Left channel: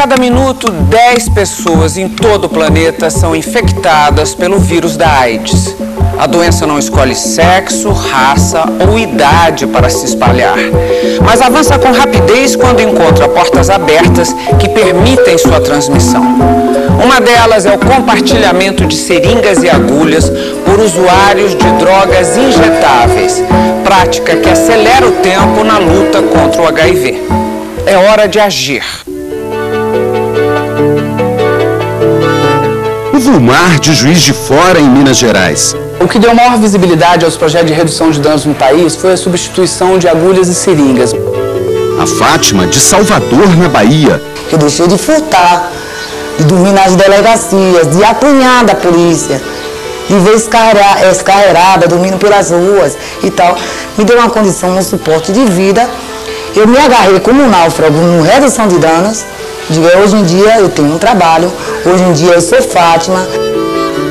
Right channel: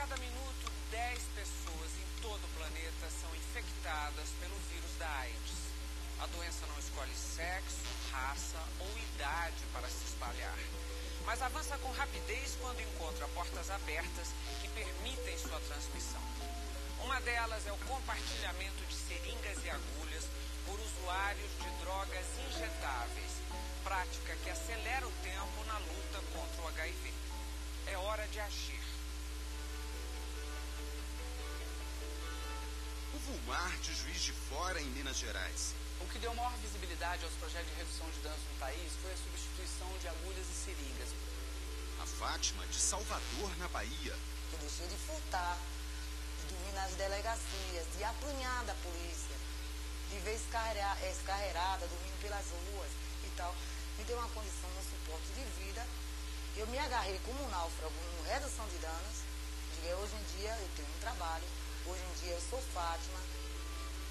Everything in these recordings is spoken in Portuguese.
cada minuto, 10 pessoas em todo o planeta são infectadas pelo vírus da AIDS. A doença não escolhe sexo, raça ou idade para se espalhar, mas avança com rapidez quando encontra portas abertas que permitem sua transmissão. Uma delas é o compartilhamento de seringas e agulhas por usuários de drogas injetáveis, prática que acelera o tempo na luta contra o HIV. É hora de agir. O Vulmar de Juiz de Fora, em Minas Gerais. O que deu maior visibilidade aos projetos de redução de danos no país foi a substituição de agulhas e seringas. A Fátima, de Salvador, na Bahia. Eu deixei de furtar, de dormir nas delegacias, de apanhar da polícia, de ver escarreirada, dormindo pelas ruas e tal. Me deu uma condição, um suporte de vida. Eu me agarrei como um náufrago no redução de danos. Hoje em dia eu tenho um trabalho, hoje em dia eu sou Fátima.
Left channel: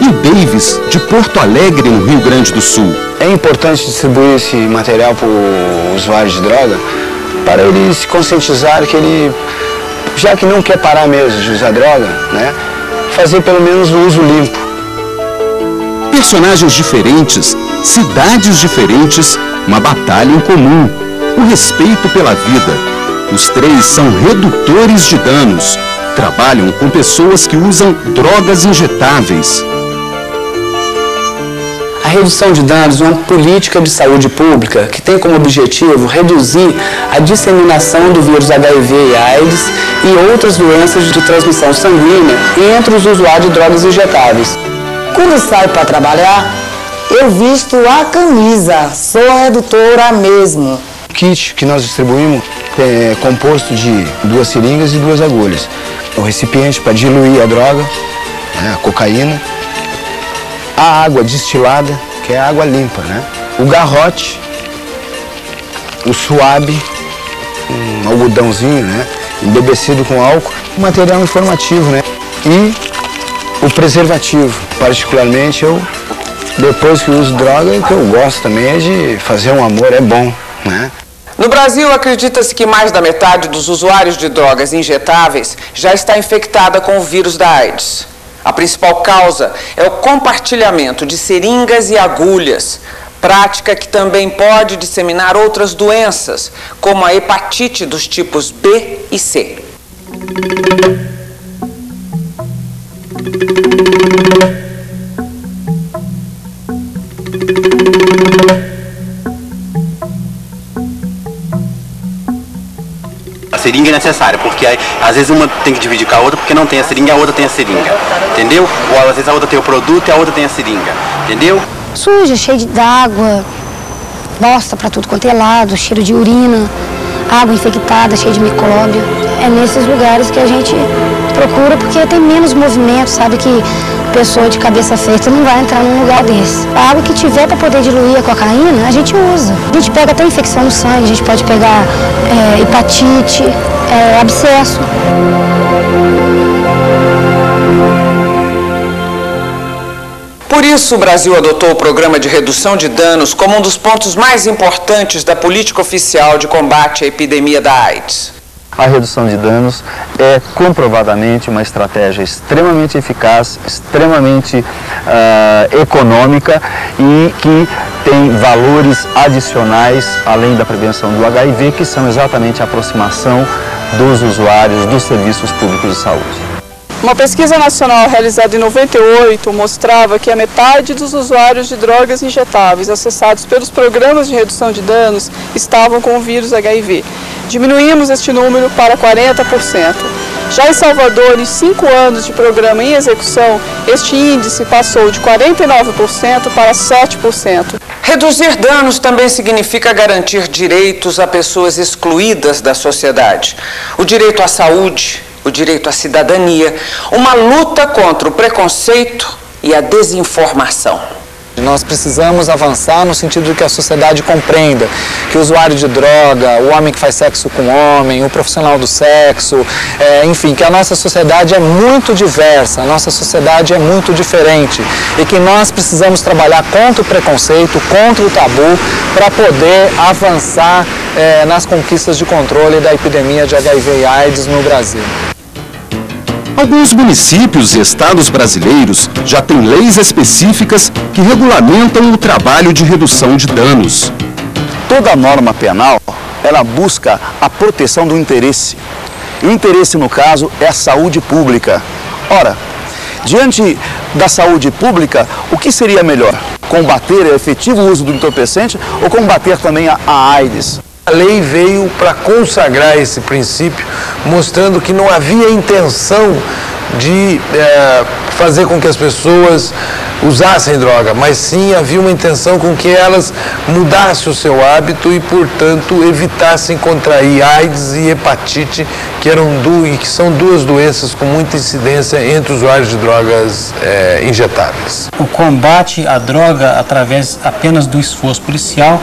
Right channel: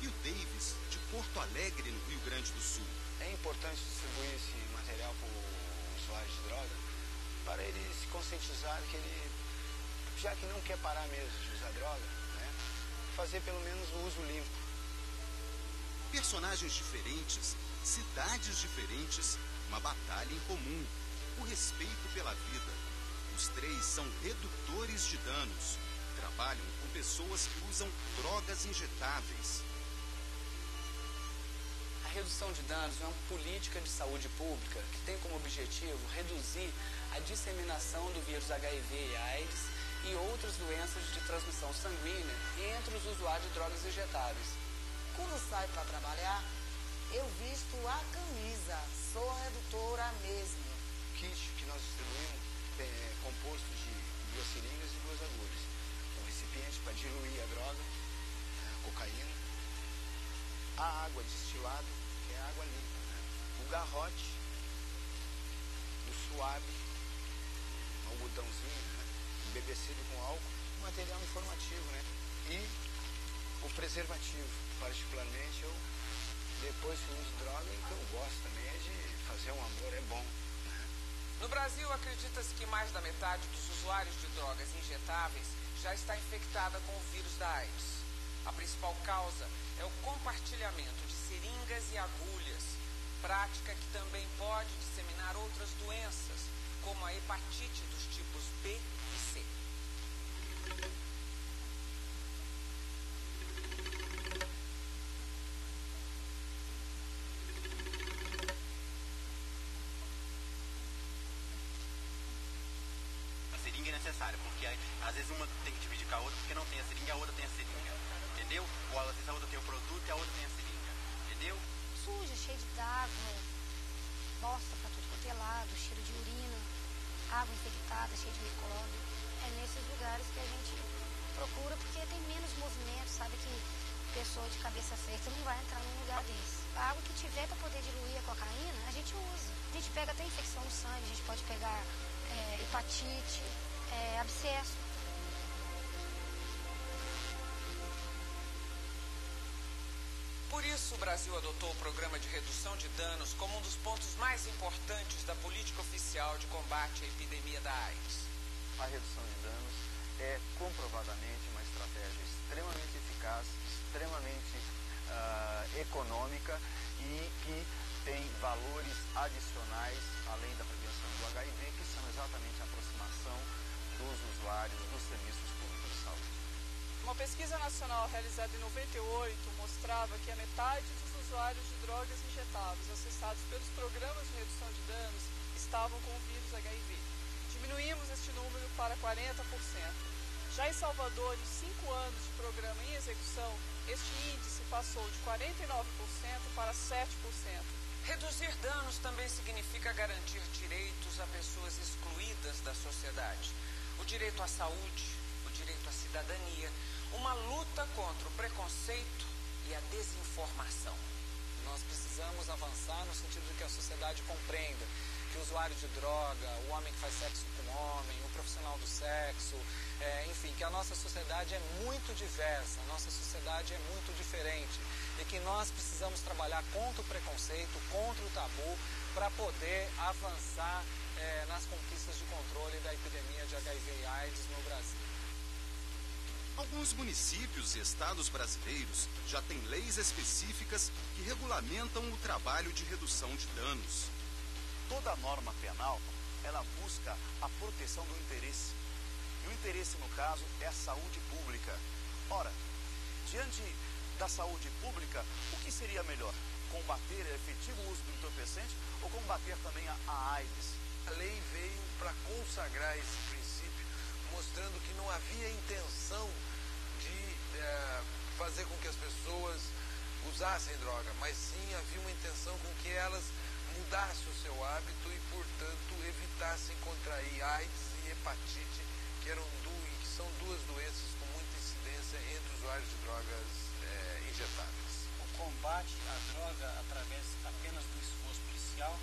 E o Davis, de Porto Alegre, no Rio Grande do Sul. É importante distribuir esse material para o usuário de droga, para ele se conscientizar que ele, já que não quer parar mesmo de usar droga, né, fazer pelo menos o uso limpo. Personagens diferentes, cidades diferentes, uma batalha em comum, o respeito pela vida. Os três são redutores de danos, trabalham com pessoas que usam drogas injetáveis. A redução de danos é uma política de saúde pública que tem como objetivo reduzir a disseminação do vírus HIV e AIDS e outras doenças de transmissão sanguínea entre os usuários de drogas injetáveis. Quando eu saio para trabalhar, eu visto a camisa, sou redutora mesmo. O kit que nós distribuímos é composto de 2 seringas e 2 agulhas. O recipiente para diluir a droga, né, a cocaína. A água destilada, que é a água limpa, né? O garrote, o suave, um algodãozinho, né? Embebecido com álcool, um material informativo, né? E o preservativo. Particularmente, depois que uso droga, o que eu gosto também é de fazer um amor, é bom, né? No Brasil, acredita-se que mais da metade dos usuários de drogas injetáveis já está infectada com o vírus da AIDS. A principal causa é o compartilhamento de seringas e agulhas, prática que também pode disseminar outras doenças, como a hepatite dos tipos B e C. A seringa é necessária, porque às vezes uma tem que dividir com a outra porque não tem a seringa e a outra tem a seringa, entendeu? Ou às vezes a outra tem o produto e a outra tem a seringa, entendeu? Suja, cheio d'água, bosta pra tudo quanto é lado, cheiro de urina, água infectada, cheia de micróbio. É nesses lugares que a gente procura porque tem menos movimento, sabe que pessoa de cabeça feita não vai entrar num lugar desse. A água que tiver para poder diluir a cocaína, a gente usa. A gente pega até infecção no sangue, a gente pode pegar hepatite, abscesso. Por isso, o Brasil adotou o Programa de Redução de Danos como um dos pontos mais importantes da política oficial de combate à epidemia da AIDS. A redução de danos é comprovadamente uma estratégia extremamente eficaz, extremamente econômica e que tem valores adicionais, além da prevenção do HIV, que são exatamente a aproximação dos usuários dos serviços públicos de saúde. Uma pesquisa nacional realizada em 98 mostrava que a metade dos usuários de drogas injetáveis acessados pelos programas de redução de danos estavam com o vírus HIV. Diminuímos este número para 40%. Já em Salvador, em 5 anos de programa em execução, este índice passou de 49% para 7%. Reduzir danos também significa garantir direitos a pessoas excluídas da sociedade. O direito à saúde, o direito à cidadania, uma luta contra o preconceito e a desinformação. Nós precisamos avançar no sentido de que a sociedade compreenda que o usuário de droga, o homem que faz sexo com homem, o profissional do sexo, enfim, que a nossa sociedade é muito diversa, a nossa sociedade é muito diferente e que nós precisamos trabalhar contra o preconceito, contra o tabu, para poder avançar nas conquistas de controle da epidemia de HIV e AIDS no Brasil. Alguns municípios e estados brasileiros já têm leis específicas que regulamentam o trabalho de redução de danos. Toda norma penal, ela busca a proteção do interesse. E o interesse, no caso, é a saúde pública. Ora, diante da saúde pública, o que seria melhor? Combater o efetivo uso do entorpecente ou combater também a AIDS? A lei veio para consagrar esse princípio, mostrando que não havia intenção de fazer com que as pessoas usassem droga, mas sim havia uma intenção com que elas mudassem o seu hábito e, portanto, evitassem contrair AIDS e hepatite, que são duas doenças com muita incidência entre usuários de drogas injetáveis. O combate à droga através apenas do esforço policial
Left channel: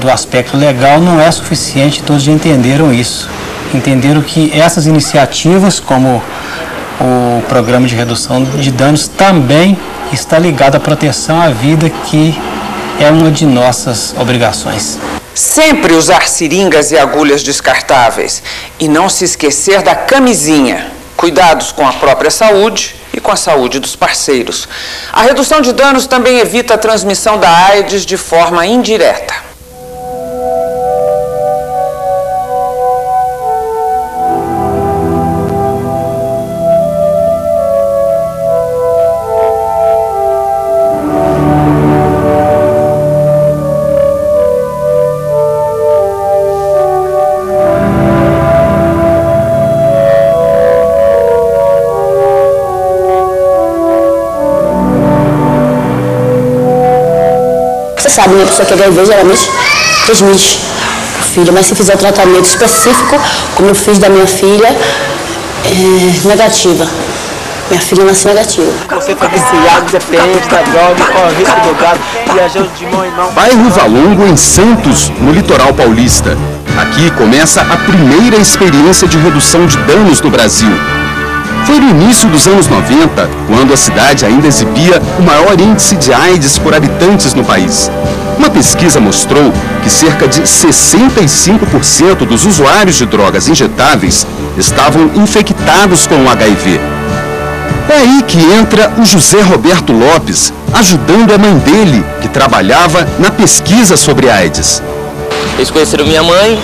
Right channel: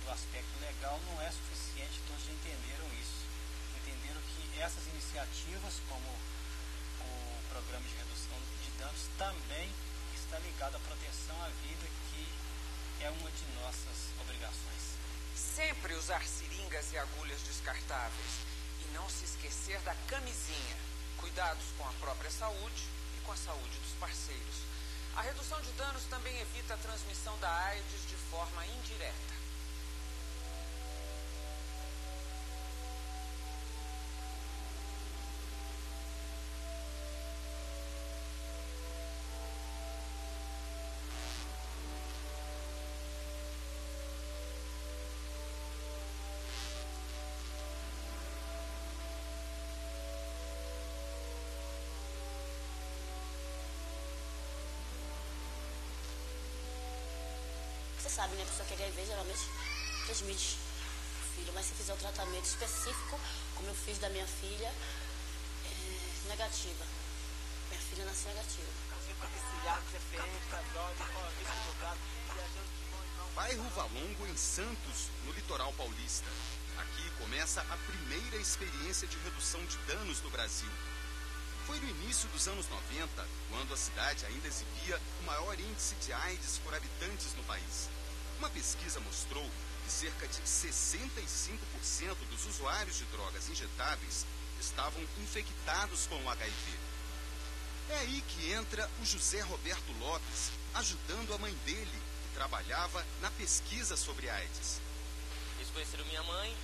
do aspecto legal não é suficiente, todos já entenderam isso. Entenderam que essas iniciativas, como o programa de redução de danos, também está ligado à proteção à vida, que é uma de nossas obrigações. Sempre usar seringas e agulhas descartáveis e não se esquecer da camisinha. Cuidados com a própria saúde e com a saúde dos parceiros. A redução de danos também evita a transmissão da AIDS de forma indireta. Você sabe, uma pessoa que é HIV geralmente transmite o filho, mas se fizer o tratamento específico, como eu fiz da minha filha, é negativa. Minha filha nasceu negativa. Você foi viciado, depende da droga, corre risco do gado, viajou de mão em mão. Bairro Valongo, em Santos, no litoral paulista. Aqui começa a primeira experiência de redução de danos no Brasil. Foi no início dos anos 90, quando a cidade ainda exibia o maior índice de AIDS por habitantes no país. Uma pesquisa mostrou que cerca de 65% dos usuários de drogas injetáveis estavam infectados com o HIV. É aí que entra o José Roberto Lopes, ajudando a mãe dele, que trabalhava na pesquisa sobre AIDS. Eles conheceram minha mãe.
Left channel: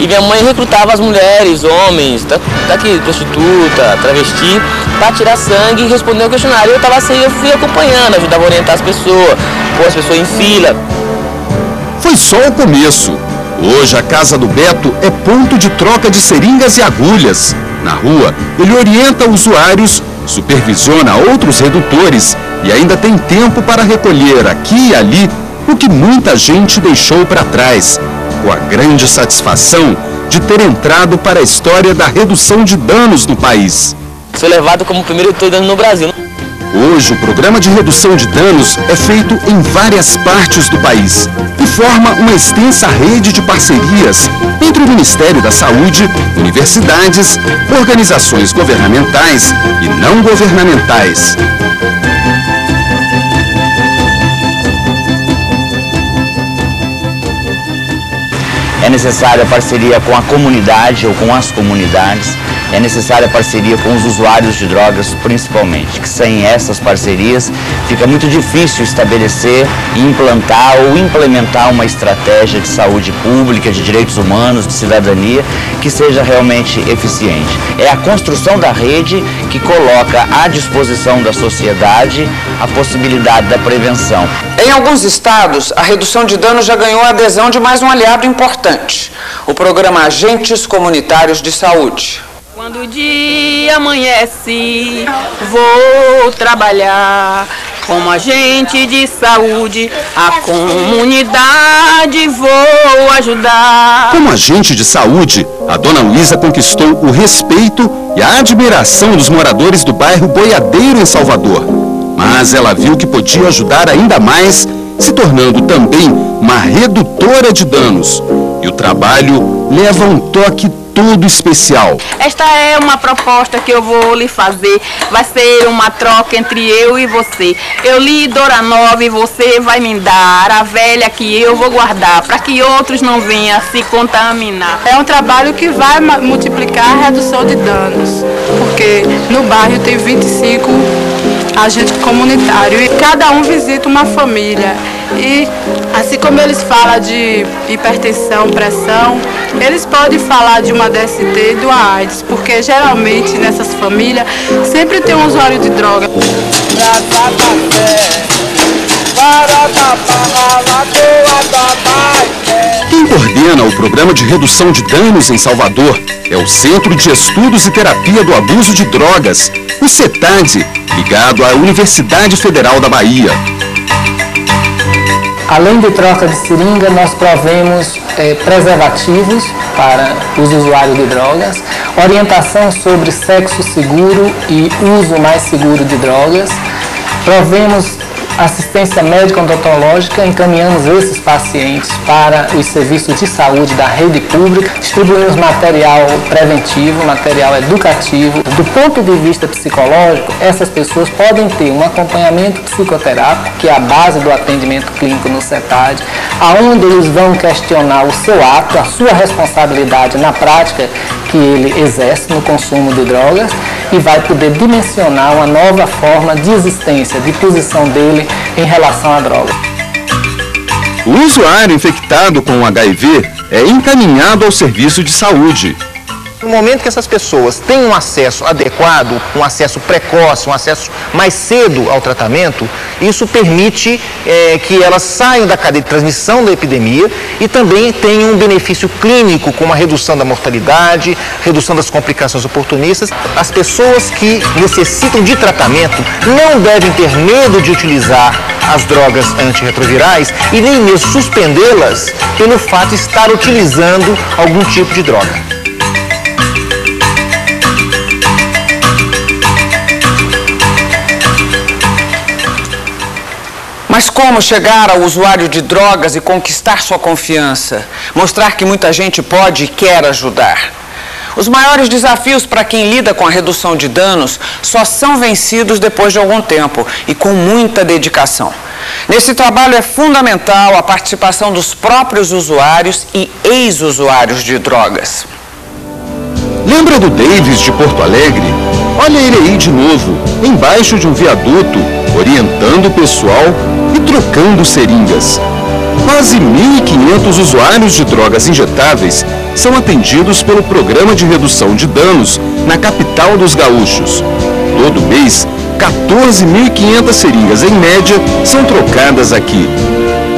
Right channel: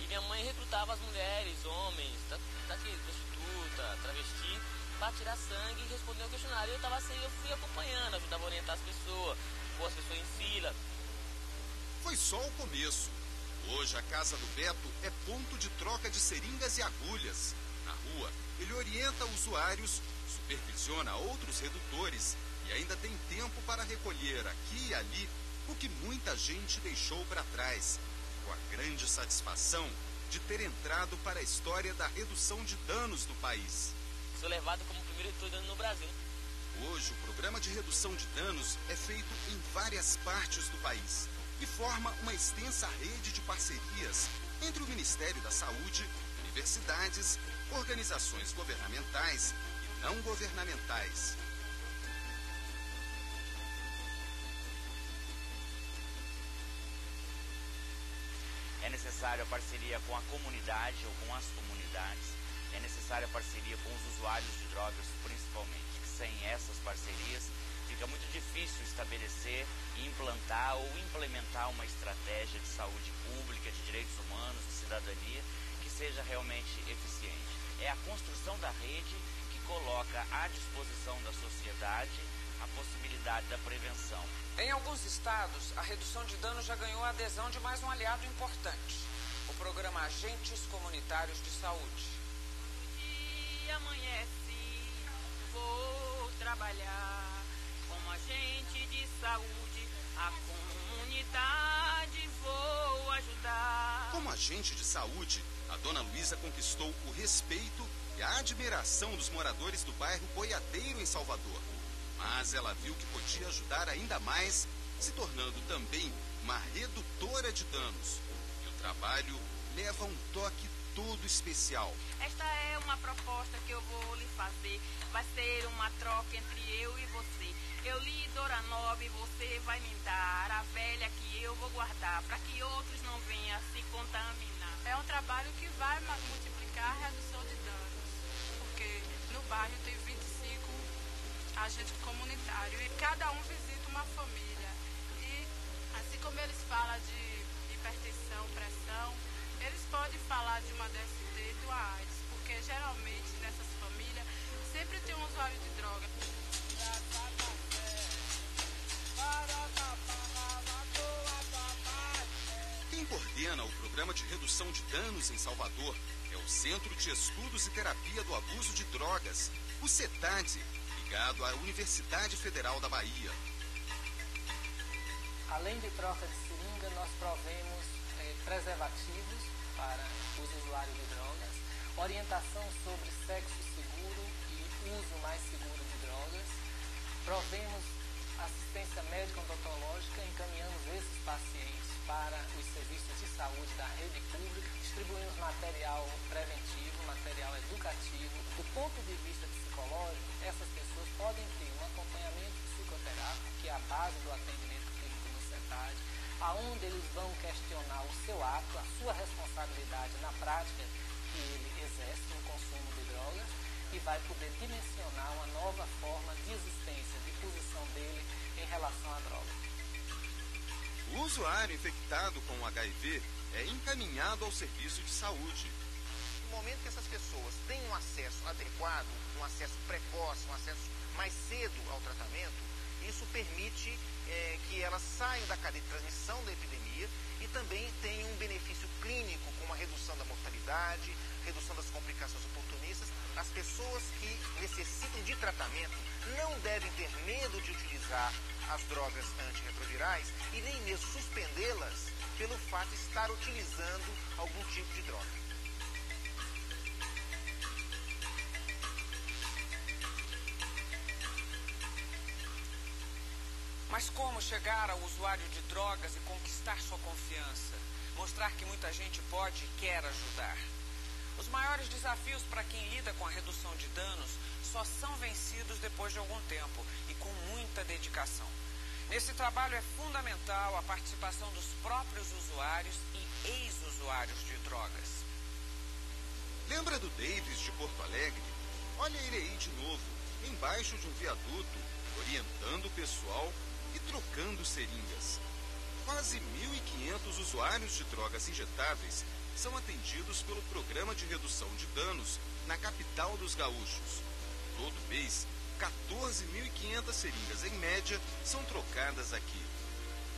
E minha mãe recrutava as mulheres, homens, daqui, prostituta, travesti, para tirar sangue e responder o questionário. Eu estava assim, eu fui acompanhando, ajudava a orientar as pessoas, pôr as pessoas em fila. Foi só o começo. Hoje a casa do Beto é ponto de troca de seringas e agulhas. Na rua, ele orienta usuários, supervisiona outros redutores e ainda tem tempo para recolher aqui e ali o que muita gente deixou para trás, com a grande satisfação de ter entrado para a história da redução de danos no país. Sou levado como o primeiro redutor de danos no Brasil. Hoje, o programa de redução de danos é feito em várias partes do país e forma uma extensa rede de parcerias entre o Ministério da Saúde, universidades, organizações governamentais e não governamentais. É necessária a parceria com a comunidade ou com as comunidades, é necessária a parceria com os usuários de drogas principalmente, que sem essas parcerias fica muito difícil estabelecer, implantar ou implementar uma estratégia de saúde pública, de direitos humanos, de cidadania, que seja realmente eficiente. É a construção da rede que coloca à disposição da sociedade a possibilidade da prevenção. Em alguns estados, a redução de danos já ganhou a adesão de mais um aliado importante, o programa Agentes Comunitários de Saúde. Quando o dia amanhece, vou trabalhar como agente de saúde, a comunidade vou ajudar. Como agente de saúde, a dona Luísa conquistou o respeito e a admiração dos moradores do bairro Boiadeiro, em Salvador. Mas ela viu que podia ajudar ainda mais, se tornando também uma redutora de danos. E o trabalho leva um toque todo especial. Esta é uma proposta que eu vou lhe fazer. Vai ser uma troca entre eu e você. Eu lhe dou a nova e você vai me dar a velha que eu vou guardar, para que outros não venham se contaminar. É um trabalho que vai multiplicar a redução de danos. porque no bairro tem 25 agentes comunitários e cada um visita uma família. E assim como eles falam de hipertensão, pressão, eles podem falar de uma DST e de uma AIDS, porque geralmente nessas famílias sempre tem um usuário de droga. Quem coordena o Programa de Redução de Danos em Salvador é o Centro de Estudos e Terapia do Abuso de Drogas, o CETAD, ligado à Universidade Federal da Bahia. Além de troca de seringa, nós provemos preservativos para os usuários de drogas, orientação sobre sexo seguro e uso mais seguro de drogas, provemos assistência médico-odontológica, encaminhamos esses pacientes para os serviços de saúde da rede pública, distribuímos material preventivo, material educativo. Do ponto de vista psicológico, essas pessoas podem ter um acompanhamento psicoterápico, que é a base do atendimento clínico no CETAD, aonde eles vão questionar o seu ato, a sua responsabilidade na prática que ele exerce no consumo de drogas e vai poder dimensionar uma nova forma de existência, de posição dele em relação à droga. O usuário infectado com HIV é encaminhado ao serviço de saúde. No momento que essas pessoas têm um acesso adequado, um acesso precoce, um acesso mais cedo ao tratamento, isso permite que elas saiam da cadeia de transmissão da epidemia e também tenham um benefício clínico, como a redução da mortalidade, redução das complicações oportunistas. As pessoas que necessitam de tratamento não devem ter medo de utilizar as drogas antirretrovirais e nem mesmo suspendê-las pelo fato de estar utilizando algum tipo de droga. Mas como chegar ao usuário de drogas e conquistar sua confiança? Mostrar que muita gente pode e quer ajudar. Os maiores desafios para quem lida com a redução de danos só são vencidos depois de algum tempo e com muita dedicação. Nesse trabalho é fundamental a participação dos próprios usuários e ex-usuários de drogas. Lembra do Davis de Porto Alegre? Olha ele aí de novo, embaixo de um viaduto, orientando o pessoal e trocando seringas. Quase 1.500 usuários de drogas injetáveis são atendidos pelo Programa de Redução de Danos na capital dos gaúchos. Todo mês, 14.500 seringas em média são trocadas aqui.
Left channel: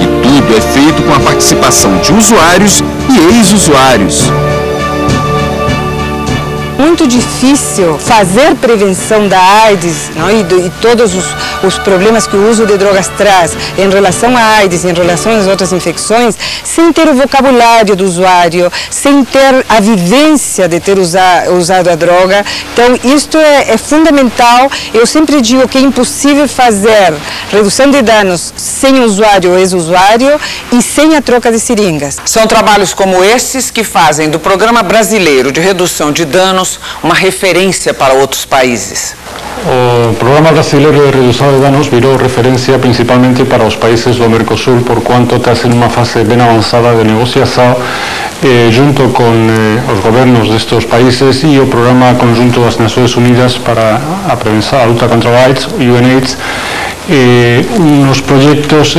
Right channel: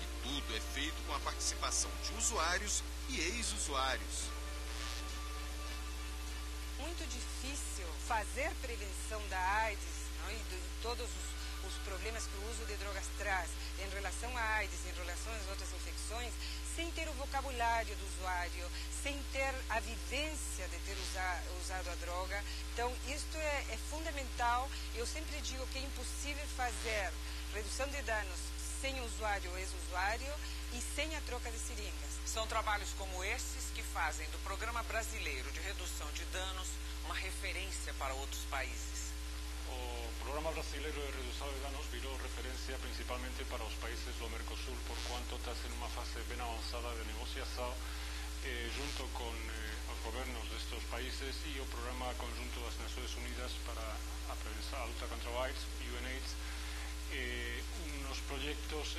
E tudo é feito com a participação de usuários e ex-usuários. Muito difícil fazer prevenção da AIDS, não? E todos os problemas que o uso de drogas traz em relação à AIDS, em relação às outras infecções, sem ter o vocabulário do usuário, sem ter a vivência de ter usado a droga. Então, isto é fundamental. Eu sempre digo que é impossível fazer redução de danos sem usuário ou ex-usuário e sem a troca de seringas. São trabalhos como esses que fazem do Programa Brasileiro de Redução de Danos uma referência para outros países. O Programa Brasileiro de Redução de Danos virou referência principalmente para os países do Mercosul, por quanto está em uma fase bem avançada de negociação junto com os governos destes países e o Programa Conjunto das Nações Unidas para a prevenção, a luta contra o AIDS, UNAIDS, unos proyectos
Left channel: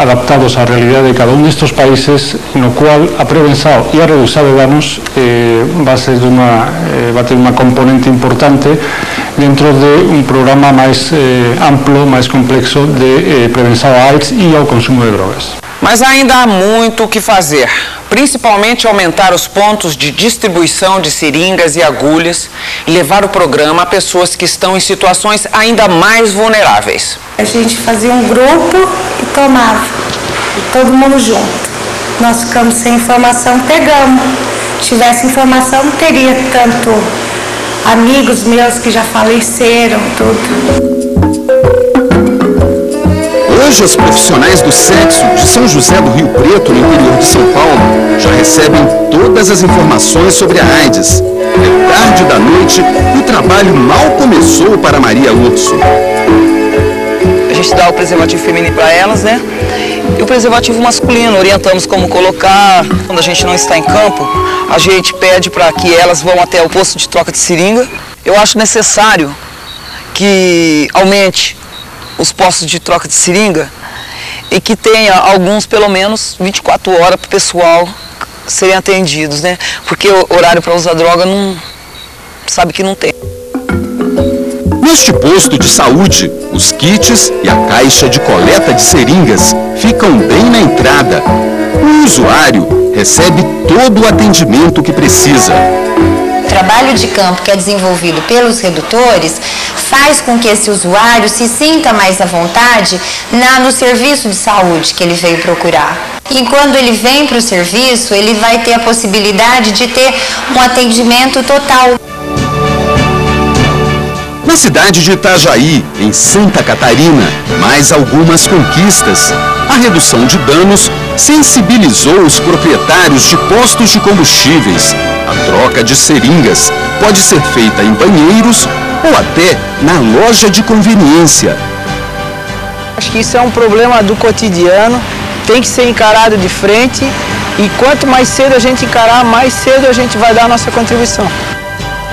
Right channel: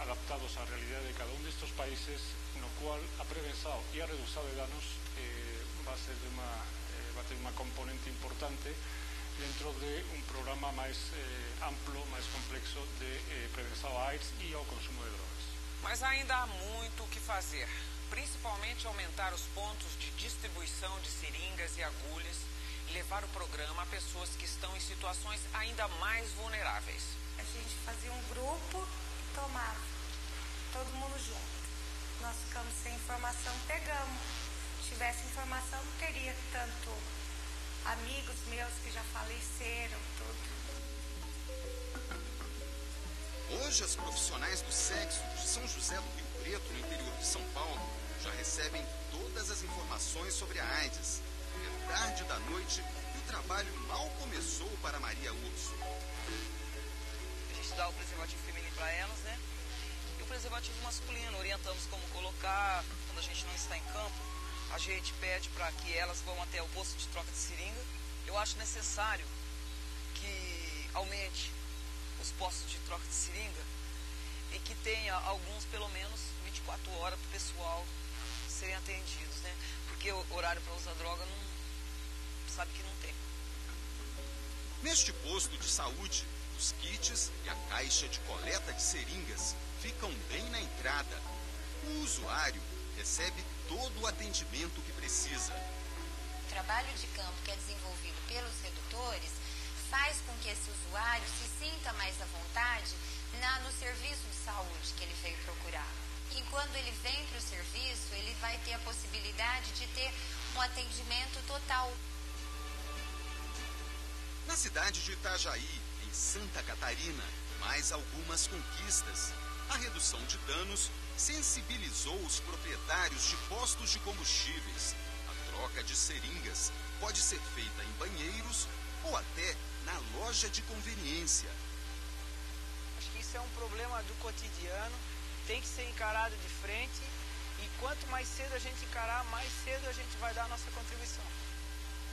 adaptados à realidade de cada destes países, no qual a prevenção e a redução de danos vai ter uma componente importante dentro de um programa mais amplo, mais complexo de prevenção à AIDS e ao consumo de drogas. Mas ainda há muito o que fazer, principalmente aumentar os pontos de distribuição de seringas e agulhas e levar o programa a pessoas que estão em situações ainda mais vulneráveis. A gente fazia um grupo e tomava, e todo mundo junto. Nós ficamos sem informação, pegamos. Se tivesse informação, não teria tanto amigos meus que já faleceram, tudo. Hoje, os profissionais do sexo de São José do Rio Preto, no interior de São Paulo, já recebem todas as informações sobre a AIDS. É tarde da noite e o trabalho mal começou para Maria Urso. A gente dá o preservativo feminino para elas, né? E o preservativo masculino, orientamos como colocar. Quando a gente não está em campo, a gente pede para que elas vão até o posto de troca de seringa Eu acho necessário que aumente os postos de troca de seringa e que tenha alguns, pelo menos, 24 horas para o pessoal serem atendidos, né? Porque o horário para usar droga não sabe que não tem. Neste posto de saúde, os kits e a caixa de coleta de seringas ficam bem na entrada. O usuário recebe todo o atendimento que precisa. O trabalho de campo que é desenvolvido pelos redutores faz com que esse usuário se sinta mais à vontade no serviço de saúde que ele veio procurar. E quando ele vem para o serviço, ele vai ter a possibilidade de ter um atendimento total. Na cidade de Itajaí, em Santa Catarina, mais algumas conquistas. A redução de danos sensibilizou os proprietários de postos de combustíveis. A troca de seringas pode ser feita em banheiros ou até na loja de conveniência. Acho que isso é um problema do cotidiano, tem que ser encarado de frente e quanto mais cedo a gente encarar, mais cedo a gente vai dar a nossa contribuição.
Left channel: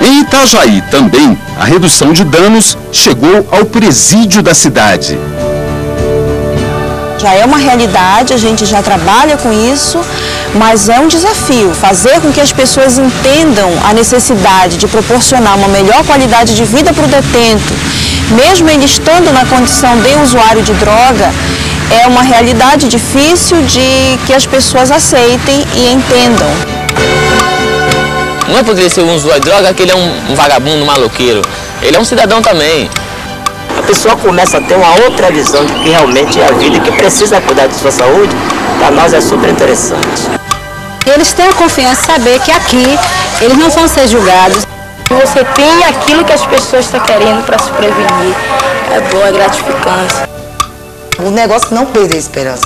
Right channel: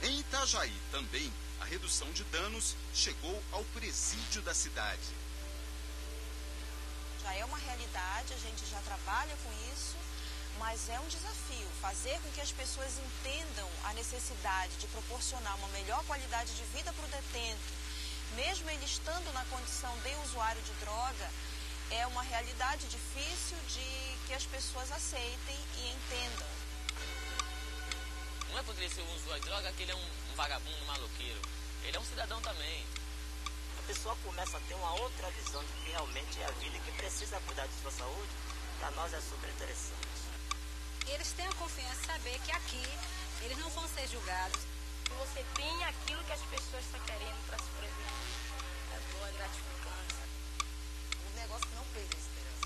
Em Itajaí também, a redução de danos chegou ao presídio da cidade. Já é uma realidade, a gente já trabalha com isso, mas é um desafio fazer com que as pessoas entendam a necessidade de proporcionar uma melhor qualidade de vida para o detento, mesmo ele estando na condição de usuário de droga, é uma realidade difícil de que as pessoas aceitem e entendam. Não é poderia ser um usuário de droga que ele é um vagabundo, um maloqueiro. Ele é um cidadão também. A pessoa começa a ter uma outra visão de que realmente é a vida e que precisa cuidar de sua saúde. Para nós é super interessante. Eles têm a confiança de saber que aqui eles não vão ser julgados. Você tem aquilo que as pessoas estão querendo para se prevenir. É bom, é gratificante. O negócio não perder a esperança.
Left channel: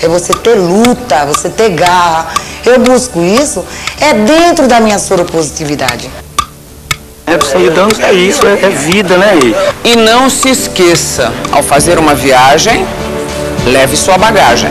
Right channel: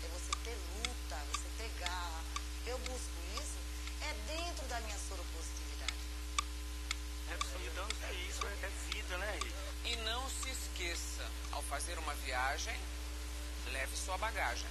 É você ter luta, você ter garra. Eu busco isso, é dentro da minha soropositividade. Redução de danos é isso, é vida, né? E não se esqueça, ao fazer uma viagem, leve sua bagagem.